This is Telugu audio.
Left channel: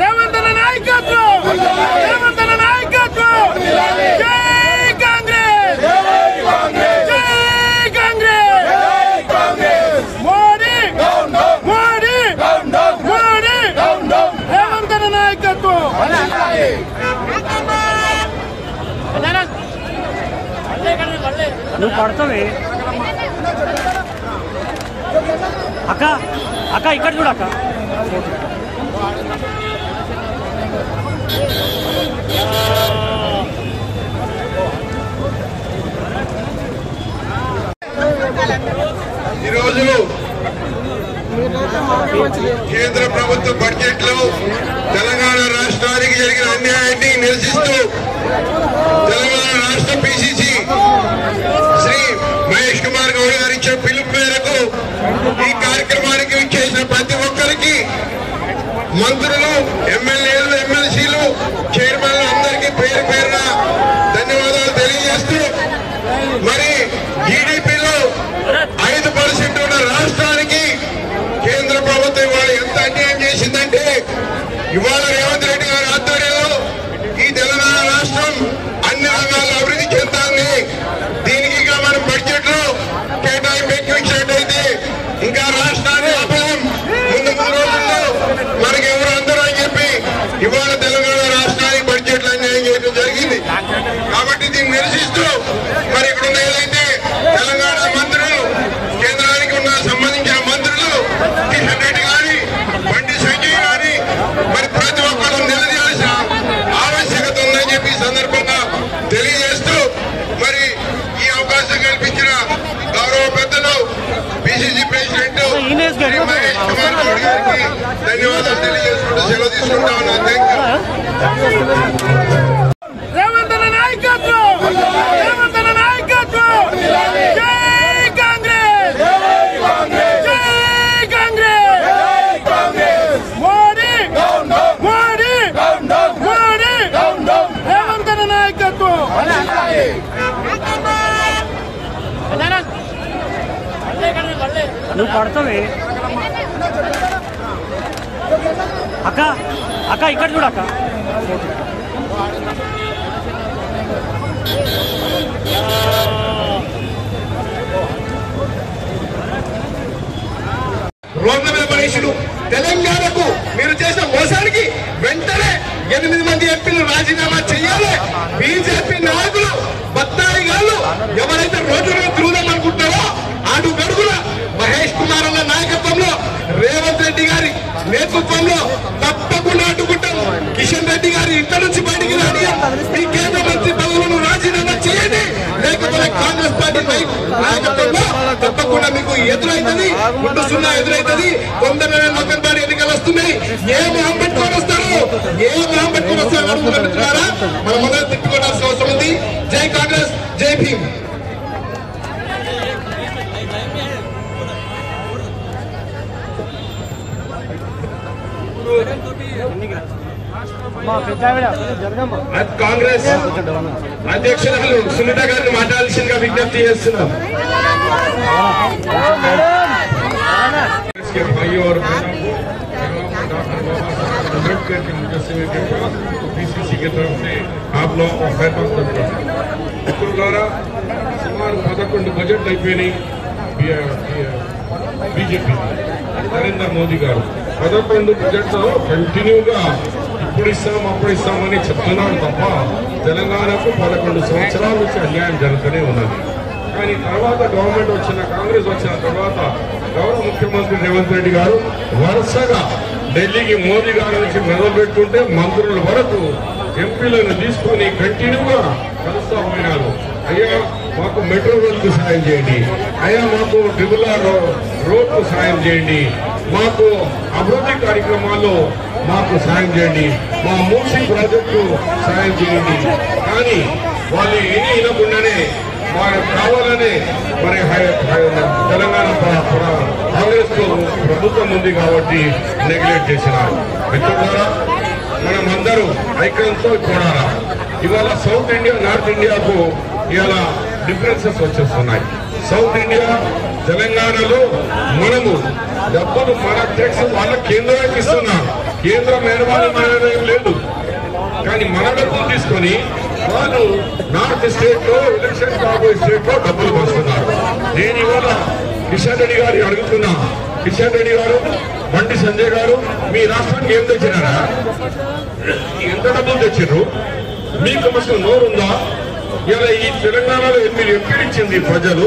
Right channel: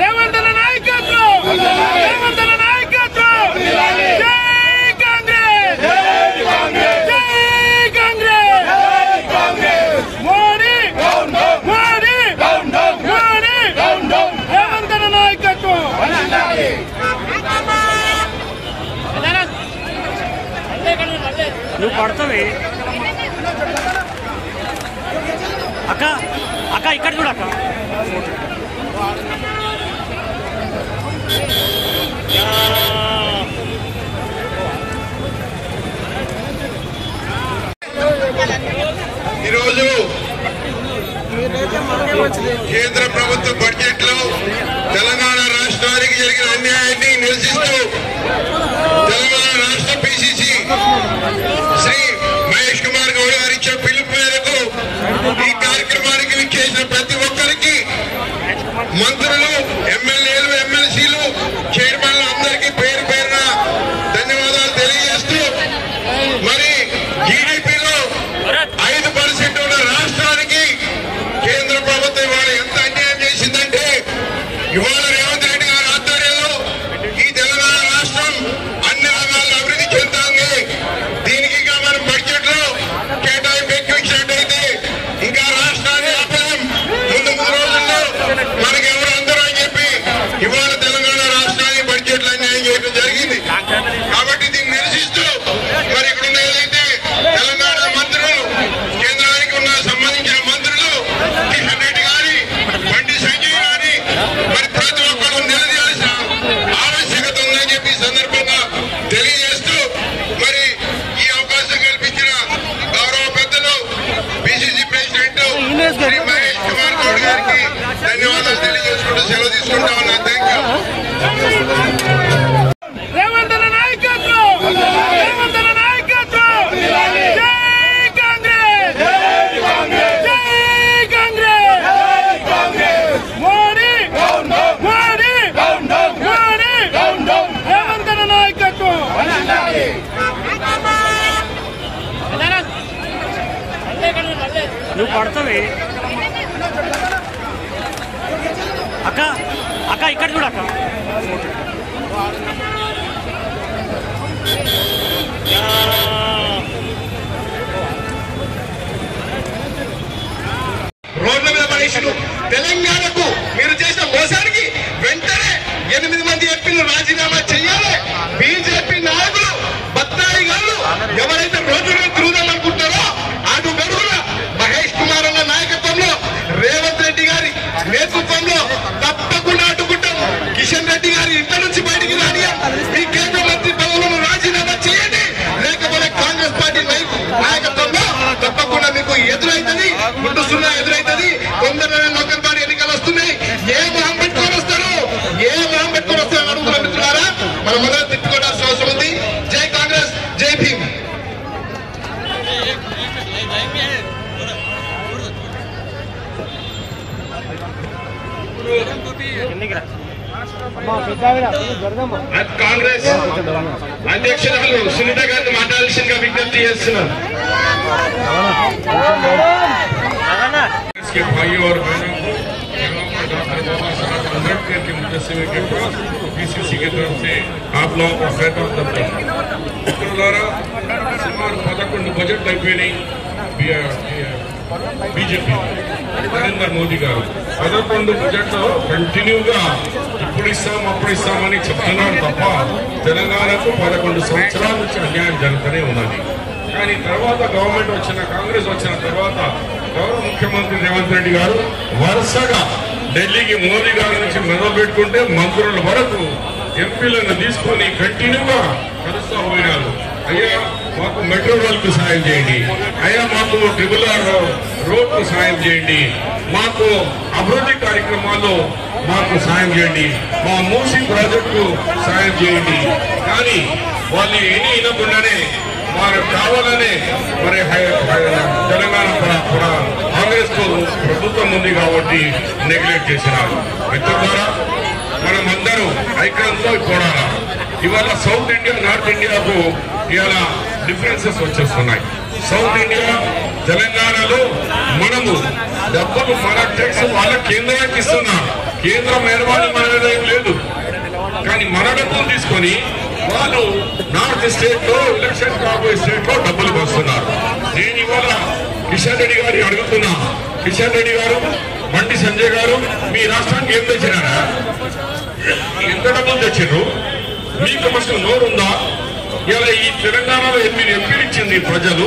రేవంత్ అన్న నాయకత్వం, రేవంత్ అన్న నాయకత్వం. జై కాంగ్రెస్, జై కాంగ్రెస్, మోడీ మోడీ మోడీ, రేవంత్ అన్న నాయకత్వం. నువ్వు పడతావే అక్క, అక్క ఇక్కడ కూడా అక్క. ఈరోజు కేంద్ర ప్రభుత్వ బడ్జెట్ లో తెలంగాణ రాష్ట్రానికి జరిగిన అన్యాయాన్ని నిరసిస్తూ తెలంగాణ రాష్ట్ర పిసిసి శ్రీ మహేష్ కుమార్ గౌడ్ గారు ఇచ్చే పిలుపు మేరకు ఈ కార్యక్రమానికి విచ్చేసిన ప్రతి ఒక్కరికి మంత్రులు, ఎమ్మెల్యేలు, ఎమ్మెల్సీలు, చైర్మన్లు అందరికీ పేరు పేరున ధన్యవాదాలు తెలియజేస్తూ, మరి జీడీపీలో 5% ఉన్న రాష్ట్రానికి కేంద్ర ప్రభుత్వం ఇవాళ ఎంత అన్యాయం చేసిందంటే, ఇవాళ రేవంత్ రెడ్డి గారి ఆధ్వర్యంలో ఈ తెలంగాణ రాష్ట్రం అన్ని రంగాల్లో అభివృద్ధి చెందుతోంది. దీనికి మనం బడ్జెట్ లో కేటాయింపు ఎక్కువ ఇచ్చినట్టయితే ఇంకా రాష్ట్రాన్ని ఆపడం ముందు రోజుల్లో మనకి ఎవరందరూ అని చెప్పి ఇవాళ తెలంగాణ రాష్ట్రానికి బడ్జెట్ లో అన్యాయం చేయడం జరిగింది. కాబట్టి దీన్ని నిరసిస్తూ మరి ఇక్కడ ఏదైతే తెలంగాణ మంత్రులు, కేంద్రానికి ఉన్న సంబంధించిన మంత్రులు కిషన్ రెడ్డి గారి, బండి సంజయ్ గారి మరి ప్రతి ఒక్కరు నిలదీయాల్సిన ఆవశ్యకత ఉందని చెప్పి సందర్భంగా తెలియజేస్తూ, మరి ఈ అవకాశం కల్పించిన గౌరవ పెద్దలు పిసిసి ప్రెసిడెంట్ శ్రీ మహేష్ కుమార్ గౌడ్ గారికి ధన్యవాదాలు తెలియజేసుకుంటూ సెలవు తీసుకుంటాను. Thank you. రేవంత్ అన్న నాయకత్వం, రేవంత్ అన్న నాయకత్వం. జై కాంగ్రెస్, జై కాంగ్రెస్, మోడీ మోడీ మోడీ, రేవంత్ అన్న నాయకత్వం. నువ్వు పడతావే అక్క, అక్క ఇక్కడ కూడా అక్క. రోడ్ల మీద మనుషులు తెలంగాణకు మీరు చేసిన మోసానికి వెంటనే 8 మంది ఎంపీలు రాజీనామా చేయాలి. బీజేపీ నాయకులు, బత్తాయి గారు ఎవరైతే రోడ్ల మీద తిరుగుదామనుకుంటారో అటు గడుగుల మహేష్ కుమార్ అన్న నాయకత్వంలో, రేవంత్ రెడ్డి గారి నేతృత్వంలో తప్పకుండా అడ్డుకుంటాం. కిషన్ రెడ్డి గారి ఇంటి నుంచి బయటికి రాని మీ కేంద్ర మంత్రి పదవులను రాజీనామా చేయండి, లేకపోతే కాంగ్రెస్ పార్టీ నాయకత్వంలో తప్పకుండా మీకు ఎదురైతుంది, ముందు సున్నా ఎదురైతుంది. తొందరలోనే లోకల్పాటి ఎన్నికలు వస్తున్నాయి. ఏ మొహం పెట్టుకొని వస్తారు, ఏ మొహం పెట్టుకొని వస్తే అడుగుతున్న మిత్రులారా మనం మొదలు తిట్టుకోవాల్సిన అవసరం ఉంది. జై కాంగ్రెస్, జై భీమ్. కాంగ్రెస్ అధ్యక్షురాలు సునీత గారిని మాట్లాడాల్సిందిగా విజ్ఞప్తి చేస్తున్నాం. भाइयों और अम्बेडकर के मुजस्समे के पीसीसी की तरफ से आप लोगों को खैर करते हैं. द्वारा सुमारू 11 बजट అయిపోయినాయి. బీజేపీ నరేంద్ర మోదీ గారు 11 బడ్జెట్లో కంటిన్యూగా ఇప్పుడు ఇస్తాం అప్పుడు ఇస్తామని చెప్తున్నారు తప్ప తెలంగాణకు 11 సంవత్సరాల నుంచి అన్యాయం జరుగుతూనే ఉన్నది. కానీ తర్వాత గవర్నమెంట్ వచ్చిన, కాంగ్రెస్ వచ్చిన తర్వాత గౌరవ ముఖ్యమంత్రి రేవంత్ రెడ్డి గారు వరుసగా ఢిల్లీకి మోదీ గారి నుంచి మొదలు పెట్టుకుంటే మంత్రుల వరకు ఎంపీలను తీసుకుని కంటిన్యూగా కలుస్తూ పోయినారు. అయ్యా మాకు మెట్రో రైలుకు సాయం చేయండి, అయ్యా మాకు ట్రిబుల్ రోడ్కు సాయం చేయండి, మాకు అభివృద్ధి కార్యక్రమాల్లో మాకు సాయం చేయండి, మా మూసీ ప్రాజెక్టు సాయం చేయండి. కానీ వాళ్ళు ఏమీ వినకుండానే వారు కావాలని మరి తెలంగాణ కాంగ్రెస్ ప్రభుత్వం ఉంది కాబట్టి నెగ్లెక్ట్ చేసినారు. మిత్రులారా మనమందరూ ఐక్యంతో కోరాలా. ఇవాళ సౌత్ ఇండియా, నార్త్ ఇండియాకు ఇవాళ డిఫరెన్సెస్ వచ్చేస్తున్నాయి. సౌత్ ఇండియా, తెలంగాణలో మనము డబ్బులు మన ట్యాక్స్ వాళ్ళ కేంద్రానికి ఇస్తున్నాం. కేంద్రం నిర్మాణం ఏం లేదు. కానీ మన డబ్బులు తీసుకొని వాళ్ళు నార్త్ స్టేట్ లో ఎలక్షన్ కాబోయే స్టేట్ లో డబ్బులు వస్తున్నారు. నేను ఇవాళ కిషన్ రెడ్డి గారి అడుగుతున్నా, కిషన్ రెడ్డి గారు, బండి సంజయ్ గారు, మీ రాష్ట్రానికి ఏం తెచ్చినారా? ఎంత డబ్బులు తెచ్చారు? మీకు అసలు నోరుందా? ఇలా ఈ తెలంగాణలో 8 ఎంపీలు ఇచ్చింది ప్రజలు.